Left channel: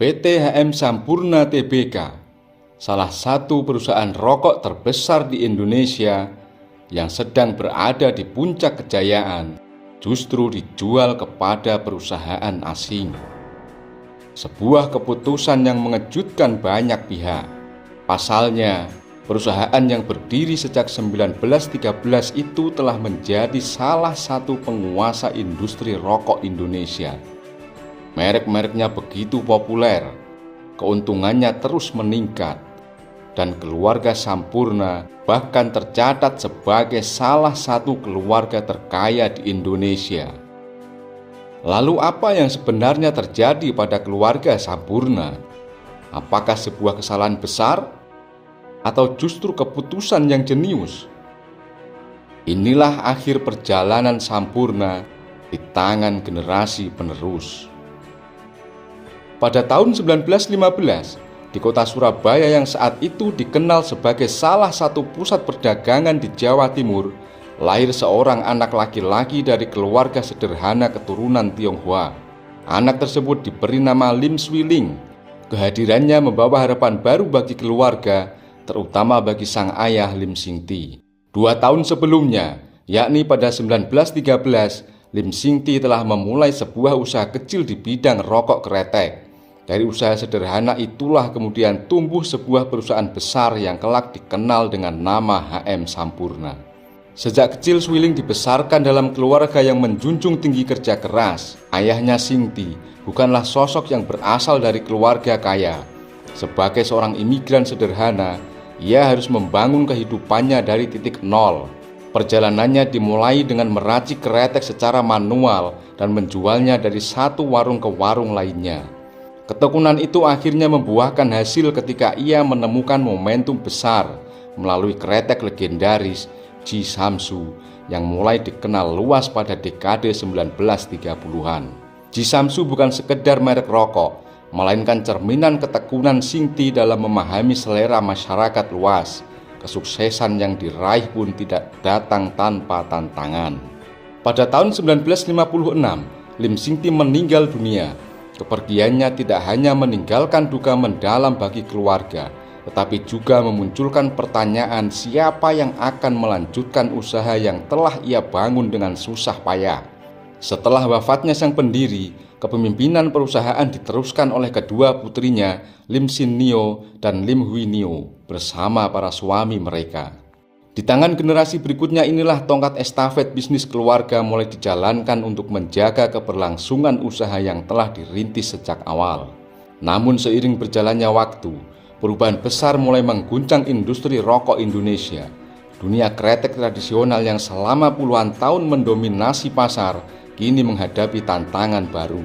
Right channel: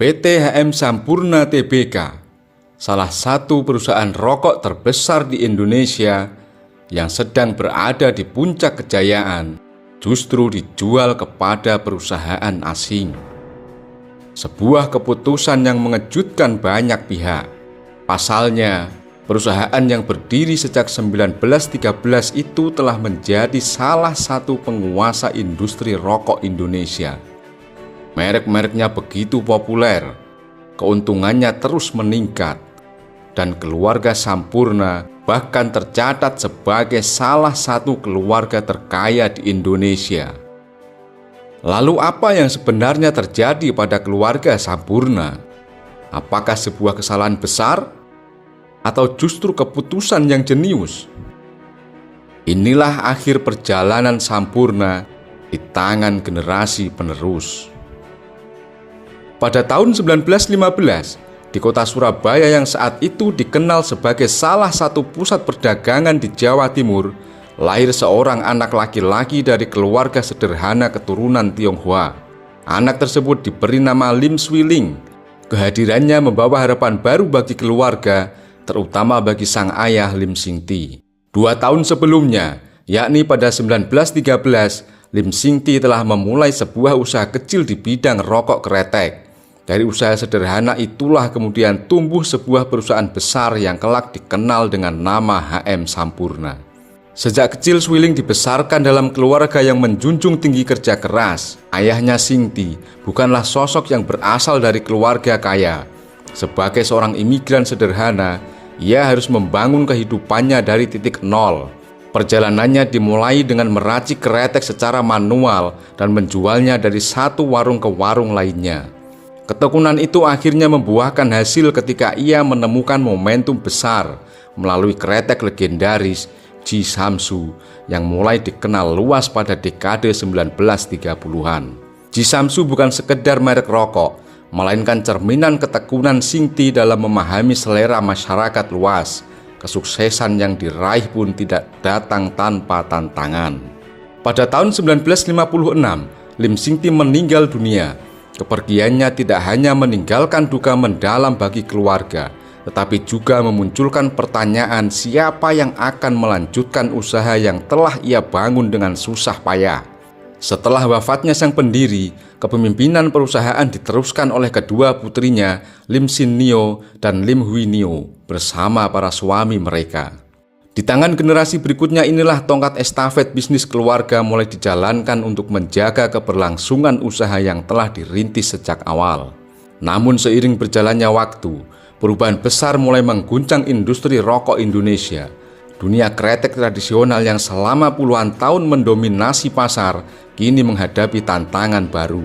PT HM Sampurna Tbk, salah satu perusahaan rokok terbesar di Indonesia yang sedang berada di puncak kejayaan, justru dijual kepada perusahaan asing. Sebuah keputusan yang mengejutkan banyak pihak. Pasalnya, perusahaan yang berdiri sejak 1913 itu telah menjadi salah satu penguasa industri rokok Indonesia. Merek-mereknya begitu populer, keuntungannya terus meningkat, dan keluarga Sampurna bahkan tercatat sebagai salah satu keluarga terkaya di Indonesia. Lalu apa yang sebenarnya terjadi pada keluarga Sampurna? Apakah sebuah kesalahan besar atau justru keputusan yang jenius? Inilah akhir perjalanan Sampurna di tangan generasi penerus. Pada tahun 1915, di kota Surabaya yang saat itu dikenal sebagai salah satu pusat perdagangan di Jawa Timur, lahir seorang anak laki-laki dari keluarga sederhana keturunan Tionghoa. Anak tersebut diberi nama Lim Swee Ling. Kehadirannya membawa harapan baru bagi keluarga, terutama bagi sang ayah Lim Sing Ti. 2 tahun sebelumnya, yakni pada 1913, Lim Sing Ti telah memulai sebuah usaha kecil di bidang rokok kretek. Dari usaha sederhana itulah kemudian tumbuh sebuah perusahaan besar yang kelak dikenal dengan nama HM Sampurna. Sejak kecil Swee Ling dibesarkan dalam keluarga yang menjunjung tinggi kerja keras. Ayahnya Sing Ti bukanlah sosok yang berasal dari keluarga kaya. Sebagai seorang imigran sederhana, ia harus membangun kehidupannya dari titik nol. Perjalanannya dimulai dengan meracik kretek secara manual dan menjualnya dari satu warung ke warung lainnya. Ketekunan itu akhirnya membuahkan hasil ketika ia menemukan momentum besar melalui kretek legendaris Ji Samsu yang mulai dikenal luas pada dekade 1930-an. Ji Samsu bukan sekedar merek rokok, melainkan cerminan ketekunan Sing Ti dalam memahami selera masyarakat luas. Kesuksesan yang diraih pun tidak datang tanpa tantangan. Pada tahun 1956, Lim Sing Ti meninggal dunia. Kepergiannya tidak hanya meninggalkan duka mendalam bagi keluarga, tetapi juga memunculkan pertanyaan siapa yang akan melanjutkan usaha yang telah ia bangun dengan susah payah. Setelah wafatnya sang pendiri, kepemimpinan perusahaan diteruskan oleh kedua putrinya, Lim Sin Nio dan Lim Hui Nio, bersama para suami mereka. Di tangan generasi berikutnya inilah tongkat estafet bisnis keluarga mulai dijalankan untuk menjaga keberlangsungan usaha yang telah dirintis sejak awal. Namun seiring berjalannya waktu, perubahan besar mulai mengguncang industri rokok Indonesia. Dunia kretek tradisional yang selama puluhan tahun mendominasi pasar kini menghadapi tantangan baru.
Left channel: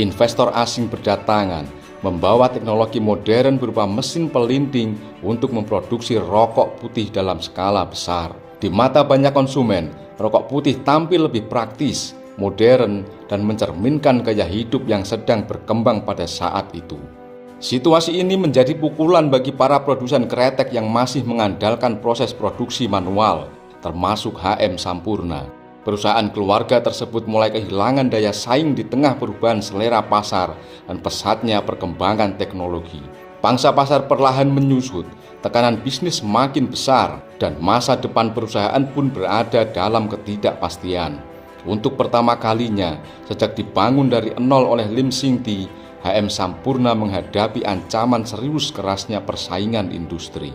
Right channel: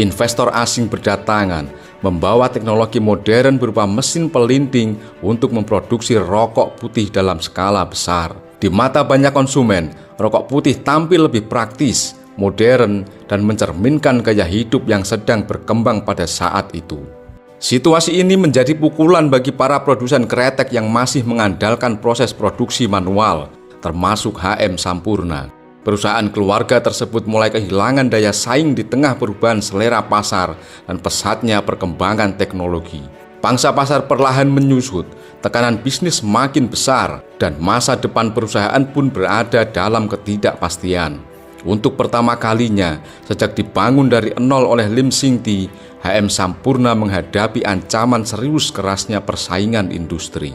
Investor asing berdatangan, membawa teknologi modern berupa mesin pelinting untuk memproduksi rokok putih dalam skala besar. Di mata banyak konsumen, rokok putih tampil lebih praktis, modern, dan mencerminkan gaya hidup yang sedang berkembang pada saat itu. Situasi ini menjadi pukulan bagi para produsen kretek yang masih mengandalkan proses produksi manual, termasuk HM Sampurna. Perusahaan keluarga tersebut mulai kehilangan daya saing di tengah perubahan selera pasar dan pesatnya perkembangan teknologi. Pangsa pasar perlahan menyusut, tekanan bisnis makin besar, dan masa depan perusahaan pun berada dalam ketidakpastian. Untuk pertama kalinya, sejak dibangun dari nol oleh Lim Sing Ti, HM Sampurna menghadapi ancaman serius kerasnya persaingan industri.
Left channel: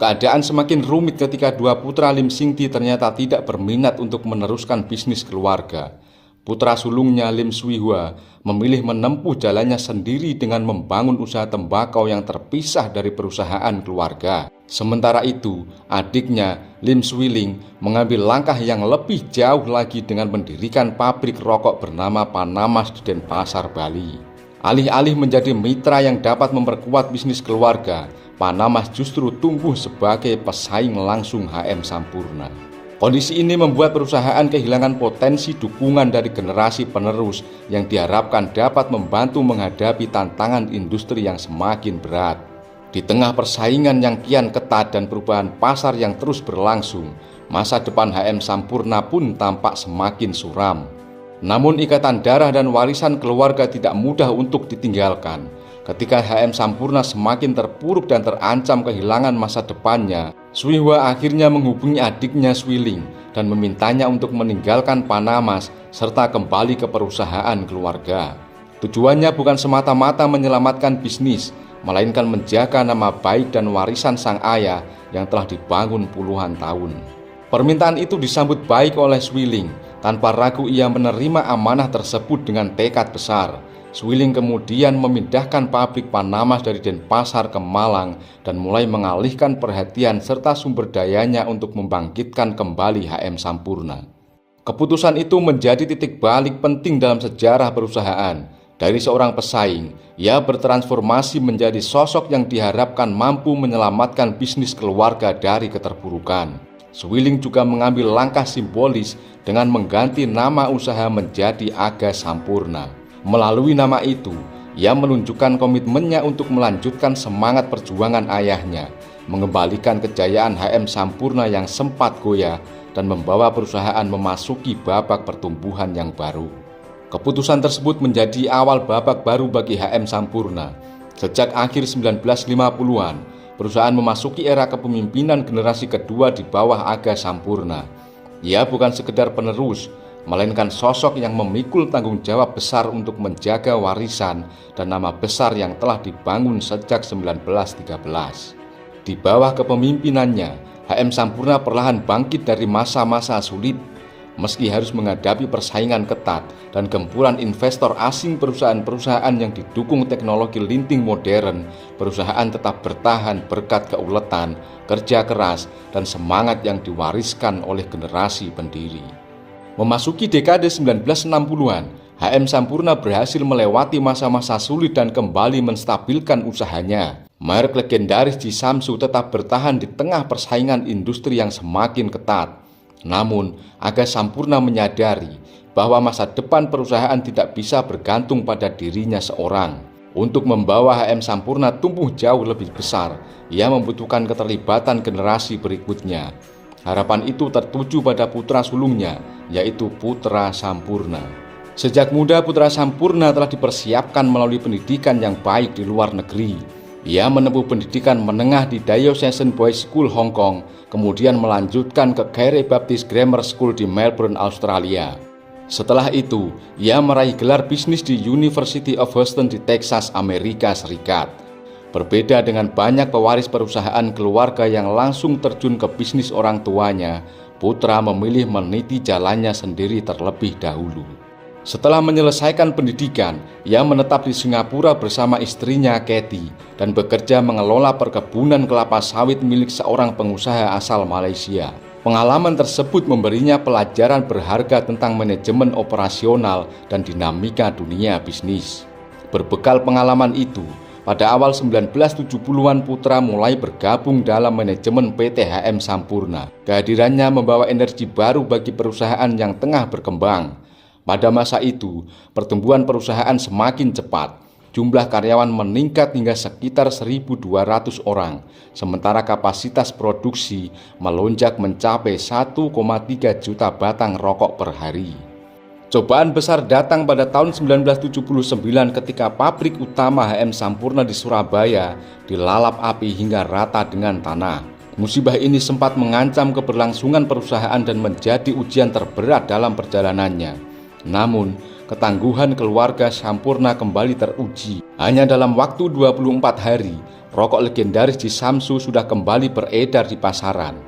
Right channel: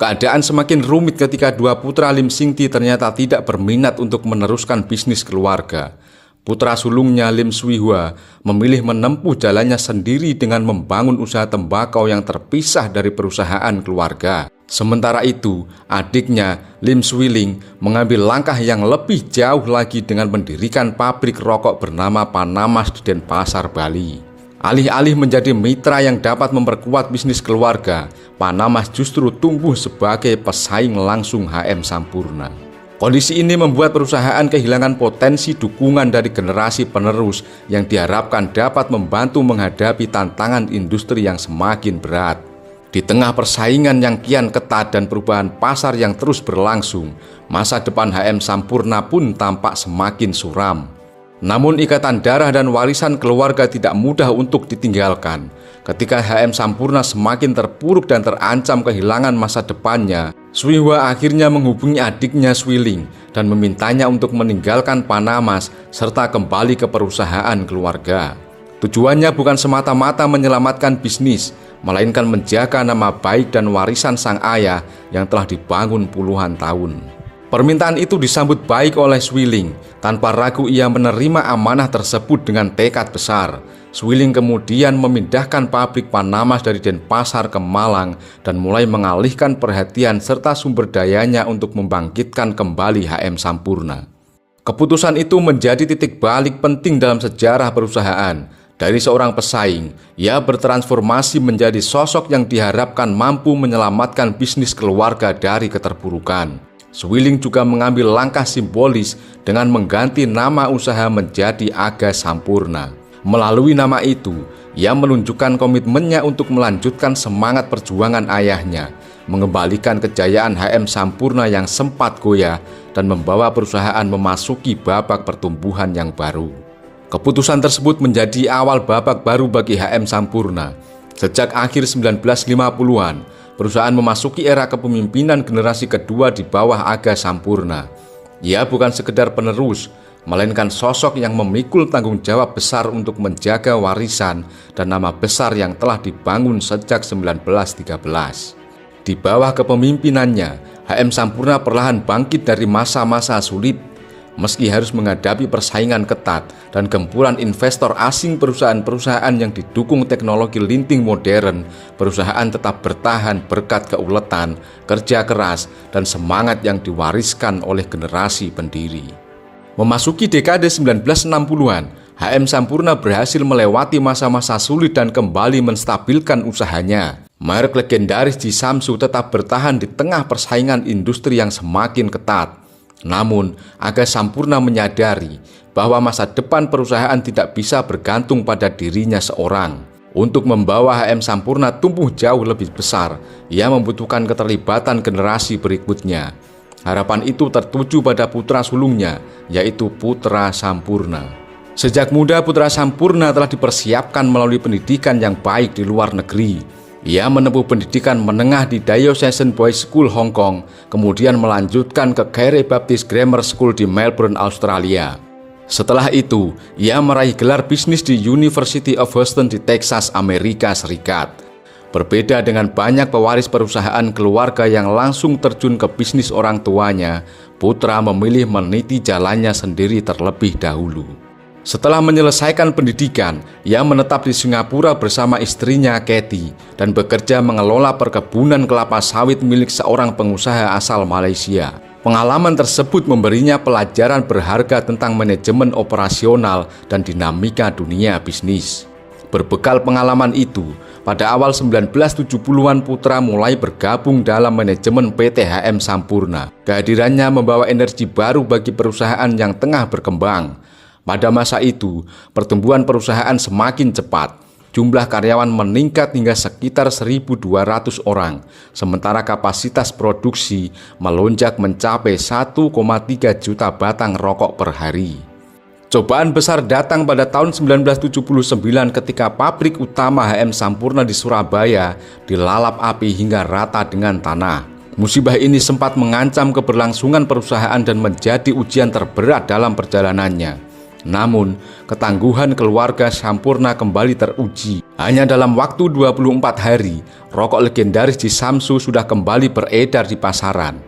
Keadaan semakin rumit ketika dua putra Lim Sing Ti ternyata tidak berminat untuk meneruskan bisnis keluarga. Putra sulungnya Lim Swee Hua memilih menempuh jalannya sendiri dengan membangun usaha tembakau yang terpisah dari perusahaan keluarga. Sementara itu, adiknya Lim Swee Ling mengambil langkah yang lebih jauh lagi dengan mendirikan pabrik rokok bernama Panamas di Denpasar, Bali. Alih-alih menjadi mitra yang dapat memperkuat bisnis keluarga, Panamas justru tumbuh sebagai pesaing langsung HM Sampurna. Kondisi ini membuat perusahaan kehilangan potensi dukungan dari generasi penerus yang diharapkan dapat membantu menghadapi tantangan industri yang semakin berat. Di tengah persaingan yang kian ketat dan perubahan pasar yang terus berlangsung, masa depan HM Sampurna pun tampak semakin suram. Namun ikatan darah dan warisan keluarga tidak mudah untuk ditinggalkan. Ketika HM Sampurna semakin terpuruk dan terancam kehilangan masa depannya, Suihwa akhirnya menghubungi adiknya Swiling dan memintanya untuk meninggalkan Panamas serta kembali ke perusahaan keluarga. Tujuannya bukan semata-mata menyelamatkan bisnis, melainkan menjaga nama baik dan warisan sang ayah yang telah dibangun puluhan tahun. Permintaan itu disambut baik oleh Swiling. Tanpa ragu ia menerima amanah tersebut dengan tekad besar. Swiling kemudian memindahkan pabrik Panamas dari Denpasar ke Malang dan mulai mengalihkan perhatian serta sumber dayanya untuk membangkitkan kembali HM Sampurna. Keputusan itu menjadi titik balik penting dalam sejarah perusahaan. Dari seorang pesaing, ia bertransformasi menjadi sosok yang diharapkan mampu menyelamatkan bisnis keluarga dari keterpurukan. Swiling juga mengambil langkah simbolis dengan mengganti nama usaha menjadi Aga Sampurna. Melalui nama itu, ia menunjukkan komitmennya untuk melanjutkan semangat perjuangan ayahnya, mengembalikan kejayaan HM Sampurna yang sempat goyah dan membawa perusahaan memasuki babak pertumbuhan yang baru. Keputusan tersebut menjadi awal babak baru bagi HM Sampurna. Sejak akhir 1950-an, perusahaan memasuki era kepemimpinan generasi kedua di bawah Aga Sampurna. Ia bukan sekedar penerus, melainkan sosok yang memikul tanggung jawab besar untuk menjaga warisan dan nama besar yang telah dibangun sejak 1913. Di bawah kepemimpinannya, HM Sampurna perlahan bangkit dari masa-masa sulit. Meski harus menghadapi persaingan ketat dan gempuran investor asing, perusahaan-perusahaan yang didukung teknologi linting modern, perusahaan tetap bertahan berkat keuletan, kerja keras, dan semangat yang diwariskan oleh generasi pendiri. Memasuki dekade 1960-an, HM Sampurna berhasil melewati masa-masa sulit dan kembali menstabilkan usahanya. Merek legendaris di Samsu tetap bertahan di tengah persaingan industri yang semakin ketat. Namun, Aga Sampurna menyadari bahwa masa depan perusahaan tidak bisa bergantung pada dirinya seorang. Untuk membawa HM Sampurna tumbuh jauh lebih besar, ia membutuhkan keterlibatan generasi berikutnya. Harapan itu tertuju pada putra sulungnya, yaitu Putra Sampurna. Sejak muda, Putra Sampurna telah dipersiapkan melalui pendidikan yang baik di luar negeri. Ia menempuh pendidikan menengah di Diocesan Boys School Hong Kong, kemudian melanjutkan ke Carey Baptist Grammar School di Melbourne, Australia. Setelah itu, ia meraih gelar bisnis di University of Houston di Texas, Amerika Serikat. Berbeda dengan banyak pewaris perusahaan keluarga yang langsung terjun ke bisnis orang tuanya, Putra memilih meniti jalannya sendiri terlebih dahulu. Setelah menyelesaikan pendidikan, ia menetap di Singapura bersama istrinya Kathy dan bekerja mengelola perkebunan kelapa sawit milik seorang pengusaha asal Malaysia. Pengalaman tersebut memberinya pelajaran berharga tentang manajemen operasional dan dinamika dunia bisnis. Berbekal pengalaman itu, pada awal 1970-an Putra mulai bergabung dalam manajemen PT HM Sampurna. Kehadirannya membawa energi baru bagi perusahaan yang tengah berkembang. Pada masa itu, pertumbuhan perusahaan semakin cepat. Jumlah karyawan meningkat hingga sekitar 1.200 orang, sementara kapasitas produksi melonjak mencapai 1,3 juta batang rokok per hari. Cobaan besar datang pada tahun 1979 ketika pabrik utama HM Sampurna di Surabaya dilalap api hingga rata dengan tanah. Musibah ini sempat mengancam keberlangsungan perusahaan dan menjadi ujian terberat dalam perjalanannya. Namun, ketangguhan keluarga Sampurna kembali teruji. Hanya dalam waktu 24 hari, rokok legendaris di Samsu sudah kembali beredar di pasaran.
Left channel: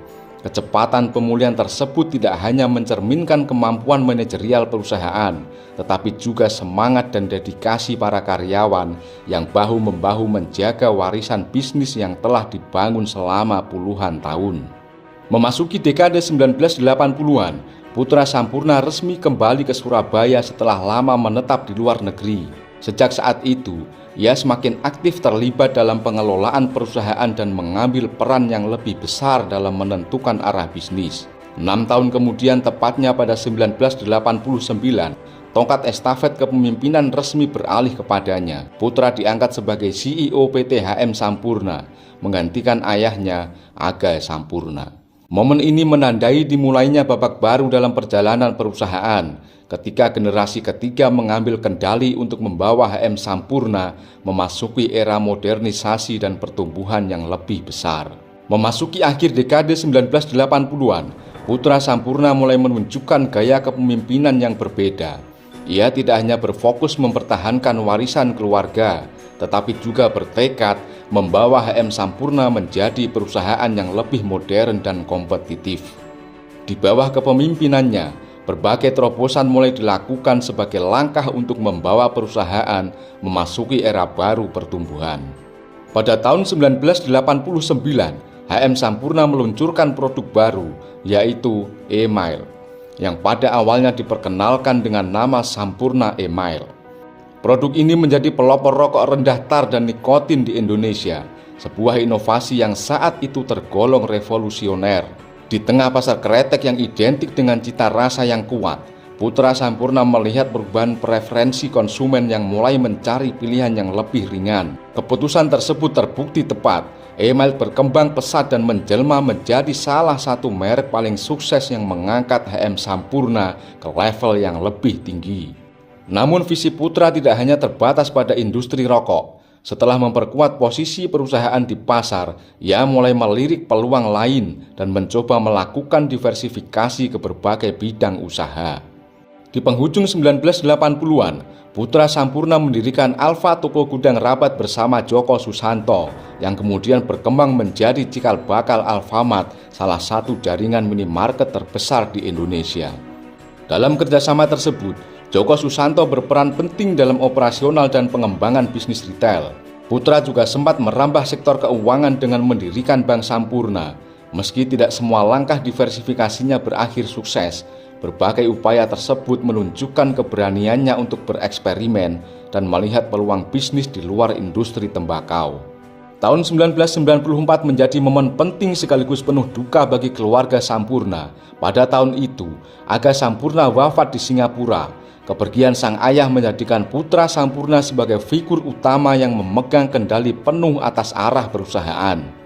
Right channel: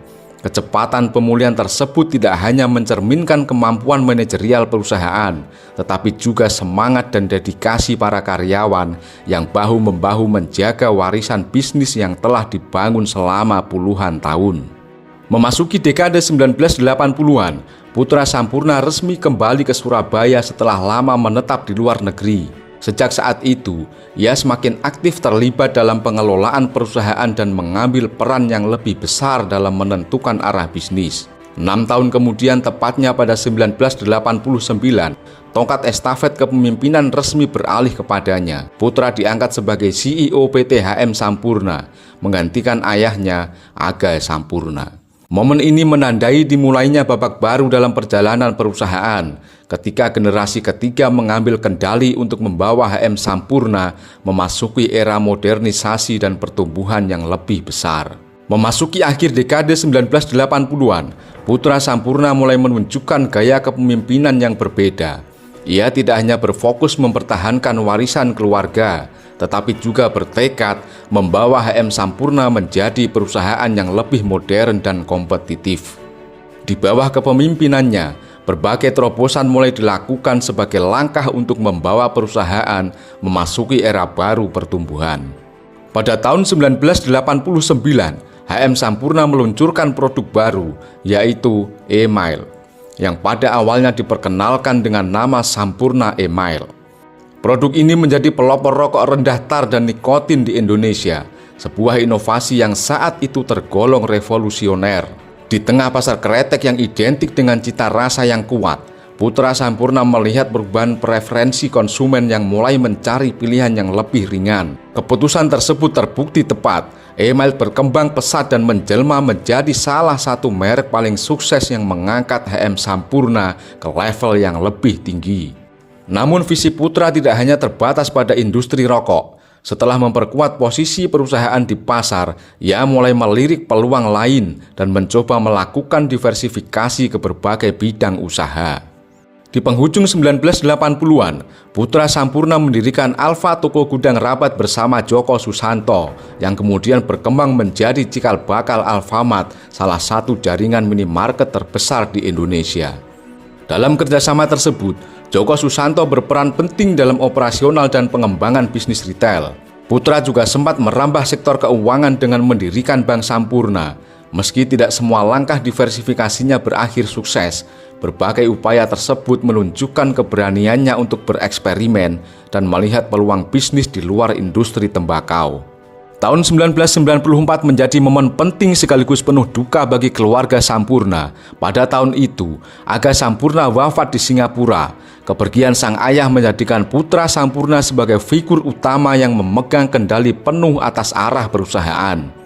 Kecepatan pemulihan tersebut tidak hanya mencerminkan kemampuan manajerial perusahaan, tetapi juga semangat dan dedikasi para karyawan yang bahu-membahu menjaga warisan bisnis yang telah dibangun selama puluhan tahun. Memasuki dekade 1980-an, Putra Sampurna resmi kembali ke Surabaya setelah lama menetap di luar negeri. Sejak saat itu, ia semakin aktif terlibat dalam pengelolaan perusahaan dan mengambil peran yang lebih besar dalam menentukan arah bisnis. 6 tahun kemudian, tepatnya pada 1989, tongkat estafet kepemimpinan resmi beralih kepadanya. Putra diangkat sebagai CEO PT HM Sampurna, menggantikan ayahnya, Aga Sampurna. Momen ini menandai dimulainya babak baru dalam perjalanan perusahaan. ketika generasi ketiga mengambil kendali untuk membawa HM Sampurna memasuki era modernisasi dan pertumbuhan yang lebih besar. Memasuki akhir dekade 1980-an, putra Sampurna mulai menunjukkan gaya kepemimpinan yang berbeda. Ia tidak hanya berfokus mempertahankan warisan keluarga, tetapi juga bertekad membawa HM Sampurna menjadi perusahaan yang lebih modern dan kompetitif. Di bawah kepemimpinannya, berbagai terobosan mulai dilakukan sebagai langkah untuk membawa perusahaan memasuki era baru pertumbuhan. Pada tahun 1989, HM Sampurna meluncurkan produk baru, yaitu E-Mile, yang pada awalnya diperkenalkan dengan nama Sampurna E-Mile. Produk ini menjadi pelopor rokok rendah tar dan nikotin di Indonesia, sebuah inovasi yang saat itu tergolong revolusioner. Di tengah pasar kretek yang identik dengan cita rasa yang kuat, putra Sampurna melihat perubahan preferensi konsumen yang mulai mencari pilihan yang lebih ringan. Keputusan tersebut terbukti tepat. E-Mile berkembang pesat dan menjelma menjadi salah satu merek paling sukses yang mengangkat HM Sampurna ke level yang lebih tinggi. Namun visi putra tidak hanya terbatas pada industri rokok. Setelah memperkuat posisi perusahaan di pasar, ia mulai melirik peluang lain dan mencoba melakukan diversifikasi ke berbagai bidang usaha. Di penghujung 1980-an, putra Sampurna mendirikan Alfa Toko Gudang Rabat bersama Joko Susanto, yang kemudian berkembang menjadi cikal bakal Alfamart, salah satu jaringan minimarket terbesar di Indonesia. Dalam kerjasama tersebut, Joko Susanto berperan penting dalam operasional dan pengembangan bisnis retail. Putra juga sempat merambah sektor keuangan dengan mendirikan Bank Sampurna. Meski tidak semua langkah diversifikasinya berakhir sukses, berbagai upaya tersebut menunjukkan keberaniannya untuk bereksperimen dan melihat peluang bisnis di luar industri tembakau. Tahun 1994 menjadi momen penting sekaligus penuh duka bagi keluarga Sampurna. Pada tahun itu, Aga Sampurna wafat di Singapura. Kepergian sang ayah menjadikan putra Sampurna sebagai figur utama yang memegang kendali penuh atas arah perusahaan.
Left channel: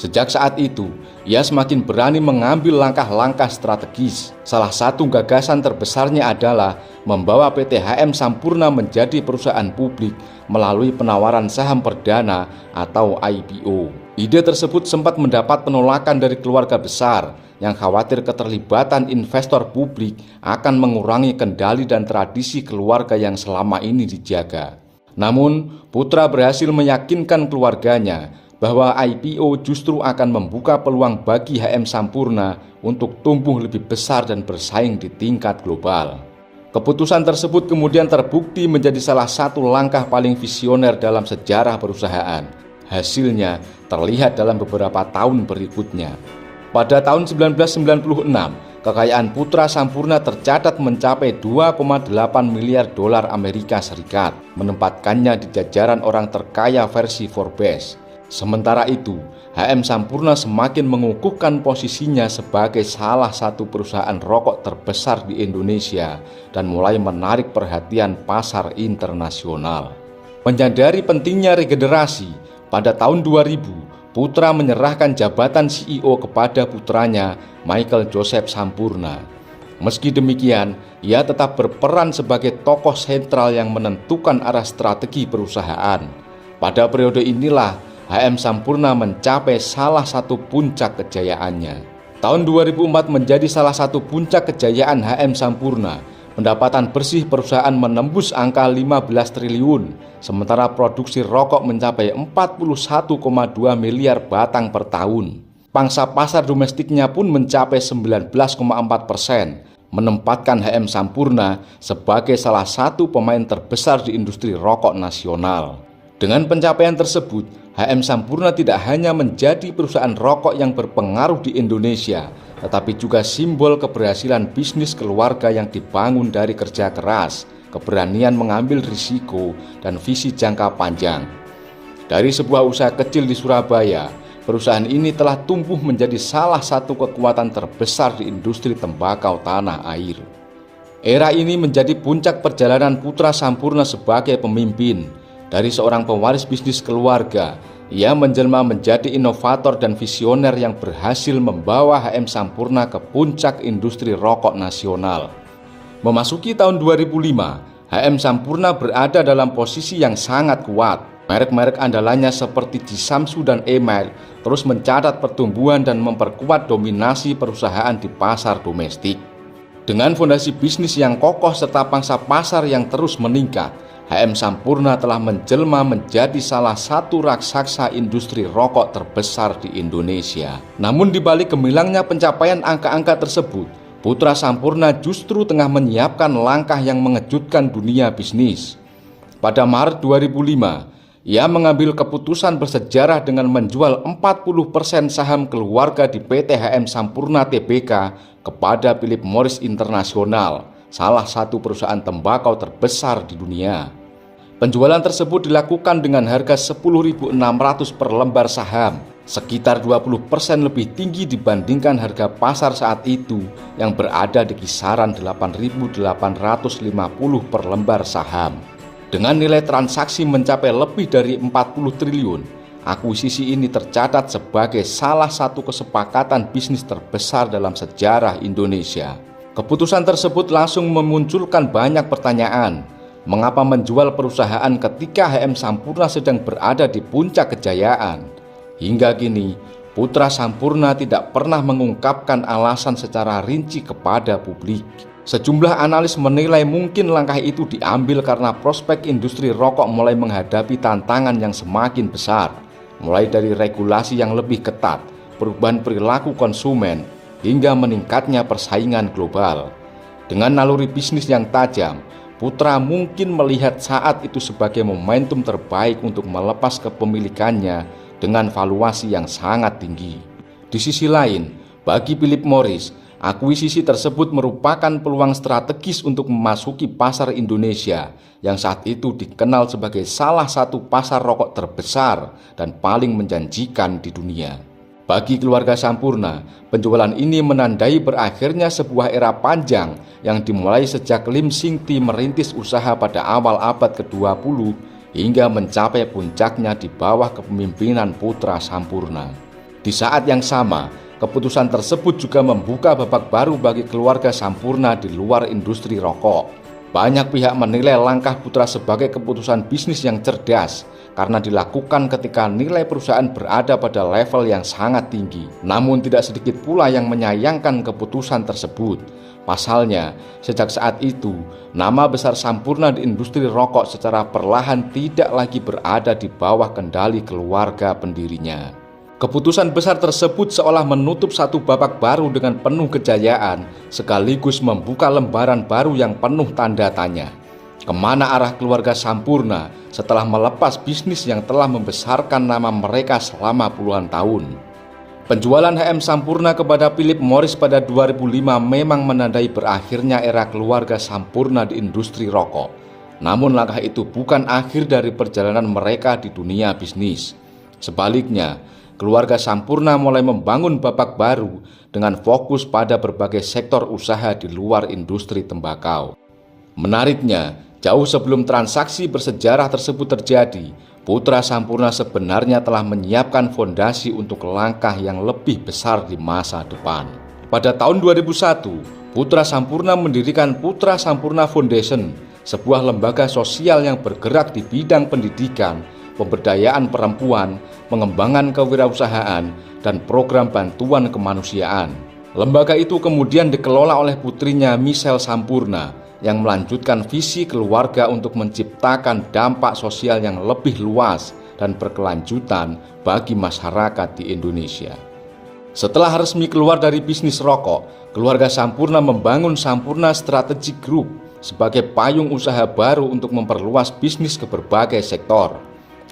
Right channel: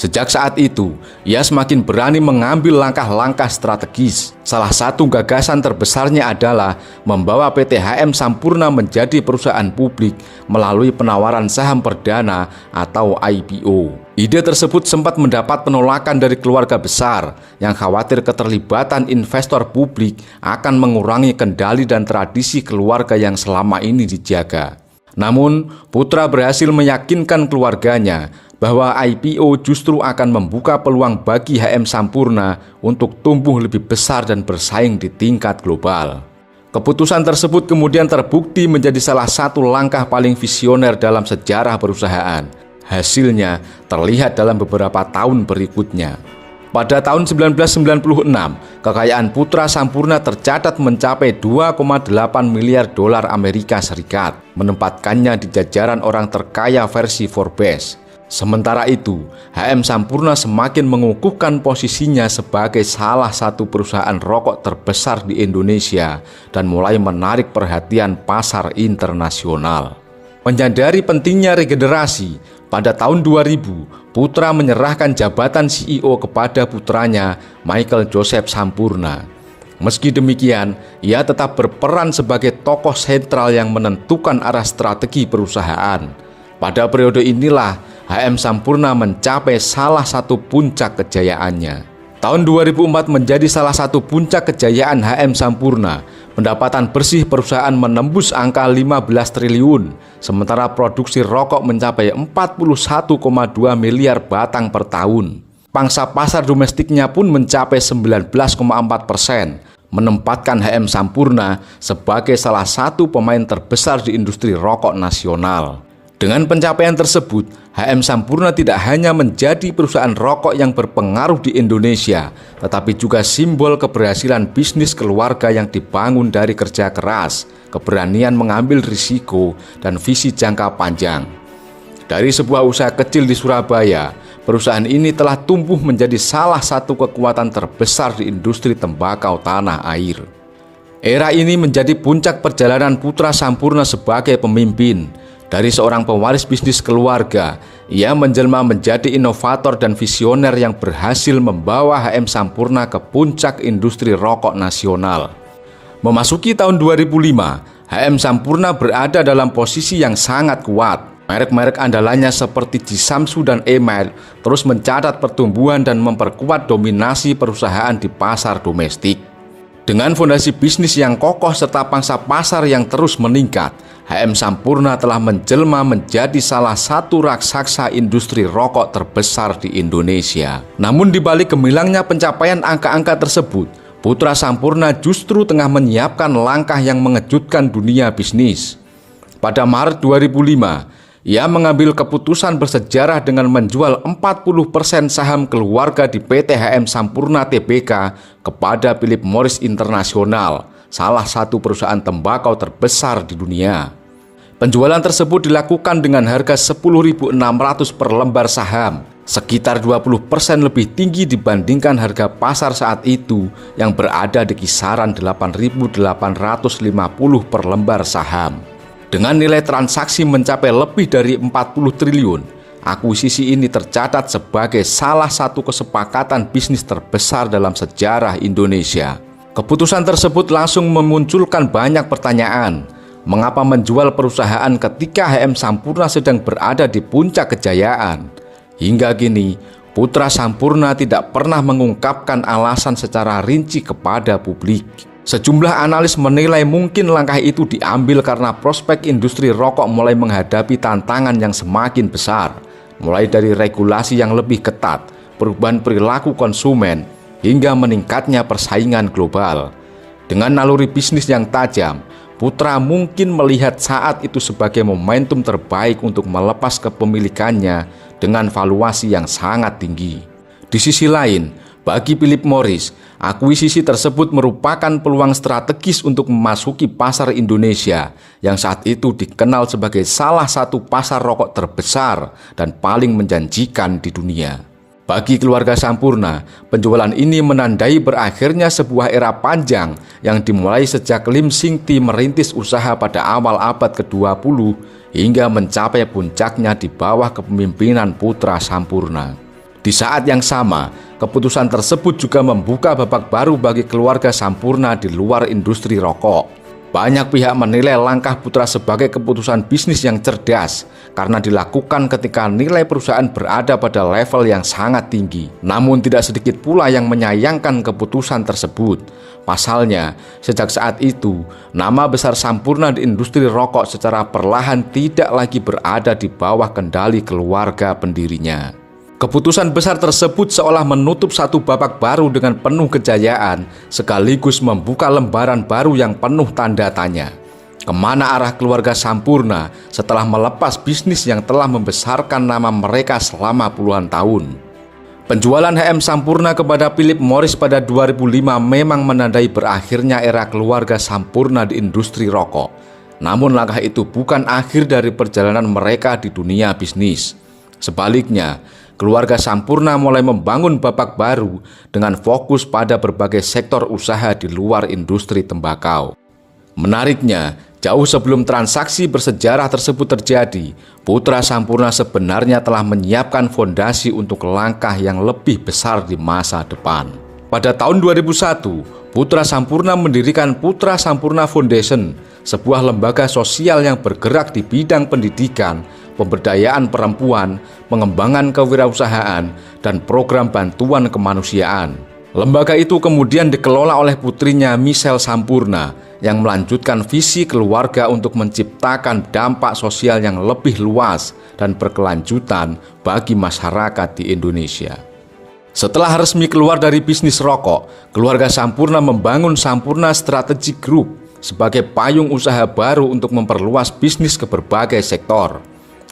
Sejak saat itu, ia semakin berani mengambil langkah-langkah strategis. Salah satu gagasan terbesarnya adalah membawa PT HM Sampurna menjadi perusahaan publik melalui penawaran saham perdana atau IPO. Ide tersebut sempat mendapat penolakan dari keluarga besar yang khawatir keterlibatan investor publik akan mengurangi kendali dan tradisi keluarga yang selama ini dijaga. Namun, putra berhasil meyakinkan keluarganya bahwa IPO justru akan membuka peluang bagi HM Sampurna untuk tumbuh lebih besar dan bersaing di tingkat global. Keputusan tersebut kemudian terbukti menjadi salah satu langkah paling visioner dalam sejarah perusahaan. Hasilnya terlihat dalam beberapa tahun berikutnya. Pada tahun 1996, kekayaan putra Sampurna tercatat mencapai 2,8 miliar dolar Amerika Serikat, menempatkannya di jajaran orang terkaya versi Forbes. Sementara itu, HM Sampurna semakin mengukuhkan posisinya sebagai salah satu perusahaan rokok terbesar di Indonesia dan mulai menarik perhatian pasar internasional. Menyadari pentingnya regenerasi, pada tahun 2000, putra menyerahkan jabatan CEO kepada putranya, Michael Joseph Sampurna. Meski demikian, ia tetap berperan sebagai tokoh sentral yang menentukan arah strategi perusahaan. Pada periode inilah, HM Sampurna mencapai salah satu puncak kejayaannya. Tahun 2004 menjadi salah satu puncak kejayaan HM Sampurna. Pendapatan bersih perusahaan menembus angka 15 triliun, sementara produksi rokok mencapai 41,2 miliar batang per tahun. Pangsa pasar domestiknya pun mencapai 19,4%, menempatkan HM Sampurna sebagai salah satu pemain terbesar di industri rokok nasional. Dengan pencapaian tersebut, HM Sampurna tidak hanya menjadi perusahaan rokok yang berpengaruh di Indonesia, tetapi juga simbol keberhasilan bisnis keluarga yang dibangun dari kerja keras, keberanian mengambil risiko, dan visi jangka panjang. Dari sebuah usaha kecil di Surabaya, perusahaan ini telah tumbuh menjadi salah satu kekuatan terbesar di industri tembakau tanah air. Era ini menjadi puncak perjalanan putra Sampurna sebagai pemimpin. Dari seorang pewaris bisnis keluarga, ia menjelma menjadi inovator dan visioner yang berhasil membawa HM Sampurna ke puncak industri rokok nasional. Memasuki tahun 2005, HM Sampurna berada dalam posisi yang sangat kuat. Merek-merek andalannya seperti Jisamsu dan Email terus mencatat pertumbuhan dan memperkuat dominasi perusahaan di pasar domestik. Dengan fondasi bisnis yang kokoh serta pangsa pasar yang terus meningkat, HM Sampurna telah menjelma menjadi salah satu raksasa industri rokok terbesar di Indonesia. Namun di balik gemilangnya pencapaian angka-angka tersebut, Putra Sampurna justru tengah menyiapkan langkah yang mengejutkan dunia bisnis. Pada Maret 2005, ia mengambil keputusan bersejarah dengan menjual 40% saham keluarga di PT HM Sampurna Tbk kepada Philip Morris International, salah satu perusahaan tembakau terbesar di dunia. Penjualan tersebut dilakukan dengan harga 10.600 per lembar saham, sekitar 20% lebih tinggi dibandingkan harga pasar saat itu yang berada di kisaran 8.850 per lembar saham. Dengan nilai transaksi mencapai lebih dari 40 triliun, akuisisi ini tercatat sebagai salah satu kesepakatan bisnis terbesar dalam sejarah Indonesia. Keputusan tersebut langsung memunculkan banyak pertanyaan. Mengapa menjual perusahaan ketika HM Sampurna sedang berada di puncak kejayaan? Hingga kini, Putra Sampurna tidak pernah mengungkapkan alasan secara rinci kepada publik. Sejumlah analis menilai mungkin langkah itu diambil karena prospek industri rokok mulai menghadapi tantangan yang semakin besar, mulai dari regulasi yang lebih ketat, perubahan perilaku konsumen, hingga meningkatnya persaingan global. Dengan naluri bisnis yang tajam, Putra mungkin melihat saat itu sebagai momentum terbaik untuk melepas kepemilikannya dengan valuasi yang sangat tinggi. Di sisi lain, bagi Philip Morris, akuisisi tersebut merupakan peluang strategis untuk memasuki pasar Indonesia yang saat itu dikenal sebagai salah satu pasar rokok terbesar dan paling menjanjikan di dunia. Bagi keluarga Sampurna, penjualan ini menandai berakhirnya sebuah era panjang yang dimulai sejak Lim Sing Ti merintis usaha pada awal abad ke-20 hingga mencapai puncaknya di bawah kepemimpinan Putra Sampurna. Di saat yang sama, keputusan tersebut juga membuka babak baru bagi keluarga Sampurna di luar industri rokok. Banyak pihak menilai langkah Putra sebagai keputusan bisnis yang cerdas karena dilakukan ketika nilai perusahaan berada pada level yang sangat tinggi. Namun tidak sedikit pula yang menyayangkan keputusan tersebut. Pasalnya, sejak saat itu, nama besar Sampurna di industri rokok secara perlahan tidak lagi berada di bawah kendali keluarga pendirinya. Keputusan besar tersebut seolah menutup satu babak baru dengan penuh kejayaan, sekaligus membuka lembaran baru yang penuh tanda tanya. Kemana arah keluarga Sampurna setelah melepas bisnis yang telah membesarkan nama mereka selama puluhan tahun? Penjualan HM Sampurna kepada Philip Morris pada 2005 memang menandai berakhirnya era keluarga Sampurna di industri rokok. Namun langkah itu bukan akhir dari perjalanan mereka di dunia bisnis. Sebaliknya, keluarga Sampurna mulai membangun babak baru dengan fokus pada berbagai sektor usaha di luar industri tembakau. Menariknya, jauh sebelum transaksi bersejarah tersebut terjadi, Putra Sampurna sebenarnya telah menyiapkan fondasi untuk langkah yang lebih besar di masa depan. Pada tahun 2001, Putra Sampurna mendirikan Putra Sampurna Foundation, sebuah lembaga sosial yang bergerak di bidang pendidikan, pemberdayaan perempuan, pengembangan kewirausahaan, dan program bantuan kemanusiaan. Lembaga itu kemudian dikelola oleh putrinya Michelle Sampurna yang melanjutkan visi keluarga untuk menciptakan dampak sosial yang lebih luas dan berkelanjutan bagi masyarakat di Indonesia. Setelah resmi keluar dari bisnis rokok, keluarga Sampurna membangun Sampurna Strategic Group sebagai payung usaha baru untuk memperluas bisnis ke berbagai sektor.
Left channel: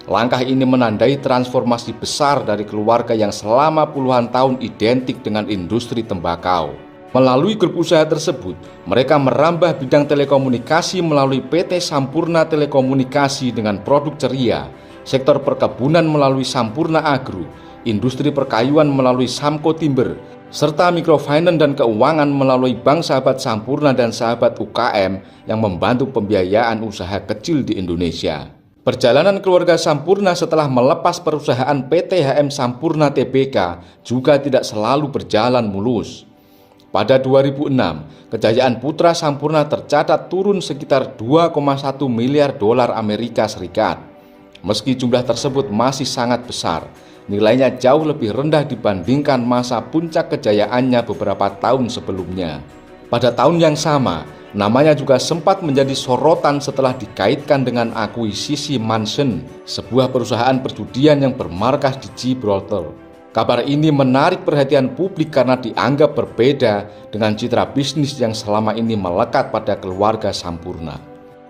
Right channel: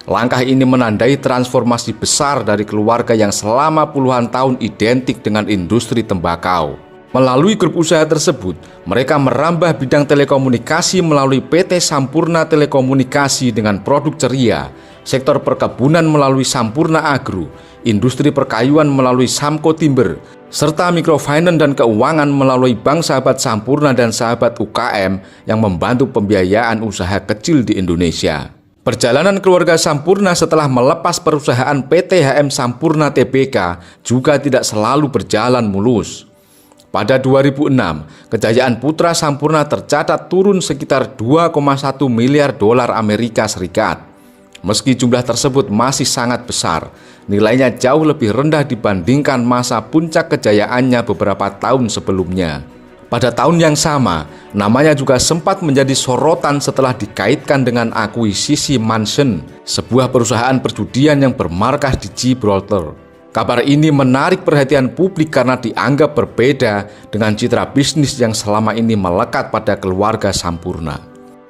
Langkah ini menandai transformasi besar dari keluarga yang selama puluhan tahun identik dengan industri tembakau. Melalui grup usaha tersebut, mereka merambah bidang telekomunikasi melalui PT Sampurna Telekomunikasi dengan produk ceria, sektor perkebunan melalui Sampurna Agro, industri perkayuan melalui Samco Timber, serta microfinance dan keuangan melalui Bank Sahabat Sampurna dan Sahabat UKM yang membantu pembiayaan usaha kecil di Indonesia. Perjalanan keluarga Sampurna setelah melepas perusahaan PT HM Sampurna Tbk juga tidak selalu berjalan mulus. Pada 2006, kejayaan Putra Sampurna tercatat turun sekitar 2,1 miliar dolar Amerika Serikat. Meski jumlah tersebut masih sangat besar, nilainya jauh lebih rendah dibandingkan masa puncak kejayaannya beberapa tahun sebelumnya. Pada tahun yang sama, namanya juga sempat menjadi sorotan setelah dikaitkan dengan akuisisi Mansion, sebuah perusahaan perjudian yang bermarkas di Gibraltar. Kabar ini menarik perhatian publik karena dianggap berbeda dengan citra bisnis yang selama ini melekat pada keluarga Sampurna.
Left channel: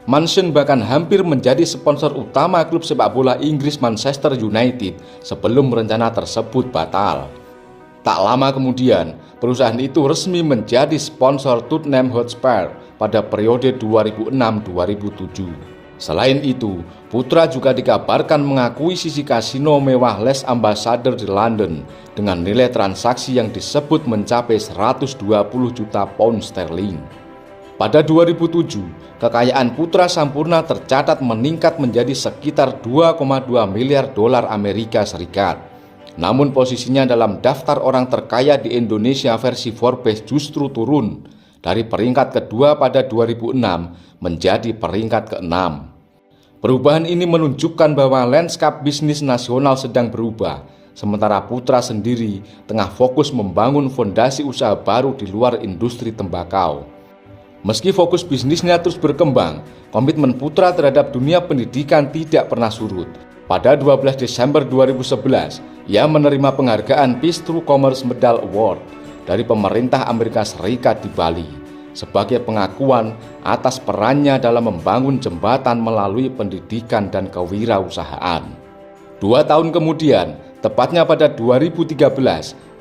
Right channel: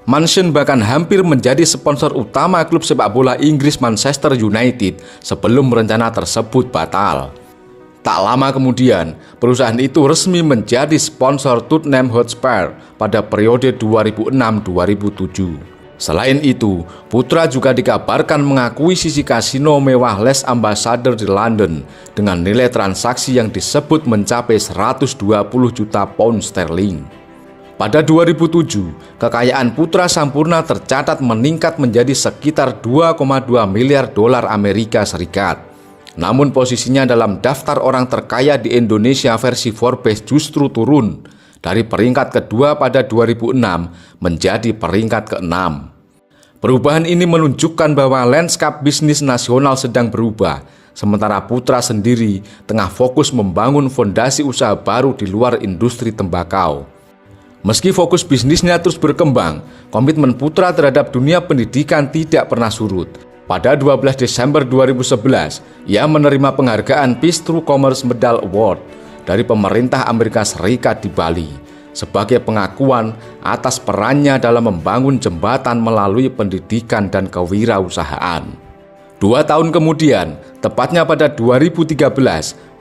Mansion bahkan hampir menjadi sponsor utama klub sepak bola Inggris Manchester United sebelum rencana tersebut batal. Tak lama kemudian, perusahaan itu resmi menjadi sponsor Tottenham Hotspur pada periode 2006-2007. Selain itu, Putra juga dikabarkan mengakuisisi kasino mewah Les Ambassador di London dengan nilai transaksi yang disebut mencapai 120 juta pound sterling. Pada 2007, kekayaan Putra Sampurna tercatat meningkat menjadi sekitar 2,2 miliar dolar Amerika Serikat. Namun posisinya dalam daftar orang terkaya di Indonesia versi Forbes justru turun dari peringkat kedua pada 2006 menjadi peringkat ke-6. Perubahan ini menunjukkan bahwa lanskap bisnis nasional sedang berubah, sementara Putra sendiri tengah fokus membangun fondasi usaha baru di luar industri tembakau. Meski fokus bisnisnya terus berkembang, komitmen Putra terhadap dunia pendidikan tidak pernah surut. Pada 12 Desember 2011, ia menerima penghargaan Peace Through Commerce Medal Award dari pemerintah Amerika Serikat di Bali sebagai pengakuan atas perannya dalam membangun jembatan melalui pendidikan dan kewirausahaan. 2 tahun kemudian, tepatnya pada 2013,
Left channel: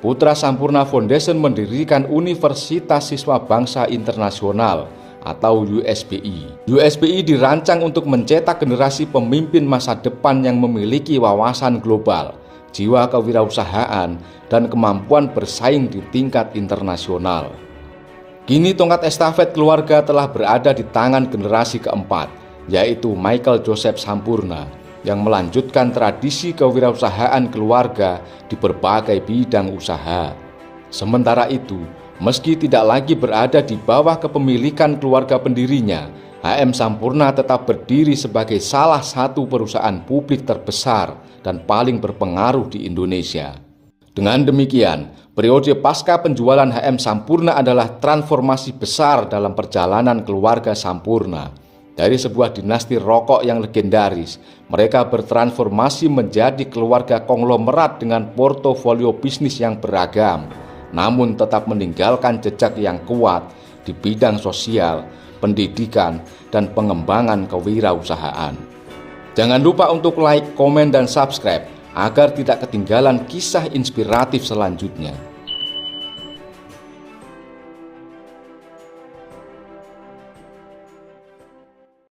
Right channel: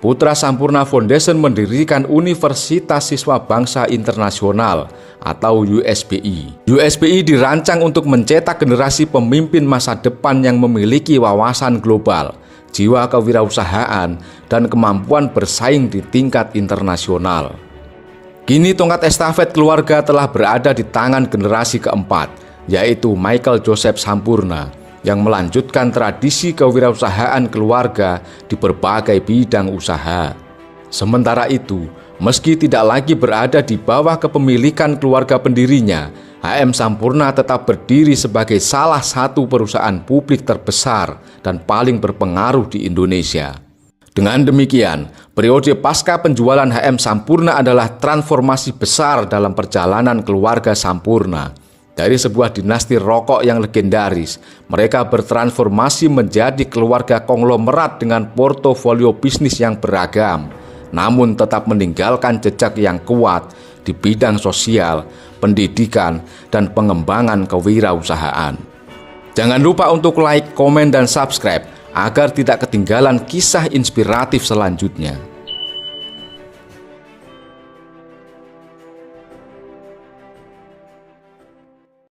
Putra Sampurna Foundation mendirikan Universitas Siswa Bangsa Internasional atau USBI. USBI dirancang untuk mencetak generasi pemimpin masa depan yang memiliki wawasan global, jiwa kewirausahaan, dan kemampuan bersaing di tingkat internasional. Kini tongkat estafet keluarga telah berada di tangan generasi keempat, yaitu Michael Joseph Sampurna, yang melanjutkan tradisi kewirausahaan keluarga di berbagai bidang usaha. Sementara itu, meski tidak lagi berada di bawah kepemilikan keluarga pendirinya, HM Sampurna tetap berdiri sebagai salah satu perusahaan publik terbesar dan paling berpengaruh di Indonesia. Dengan demikian, periode pasca penjualan HM Sampurna adalah transformasi besar dalam perjalanan keluarga Sampurna. Dari sebuah dinasti rokok yang legendaris, mereka bertransformasi menjadi keluarga konglomerat dengan portofolio bisnis yang beragam, namun tetap meninggalkan jejak yang kuat di bidang sosial, pendidikan, dan pengembangan kewirausahaan. Jangan lupa untuk like, komen, dan subscribe agar tidak ketinggalan kisah inspiratif selanjutnya.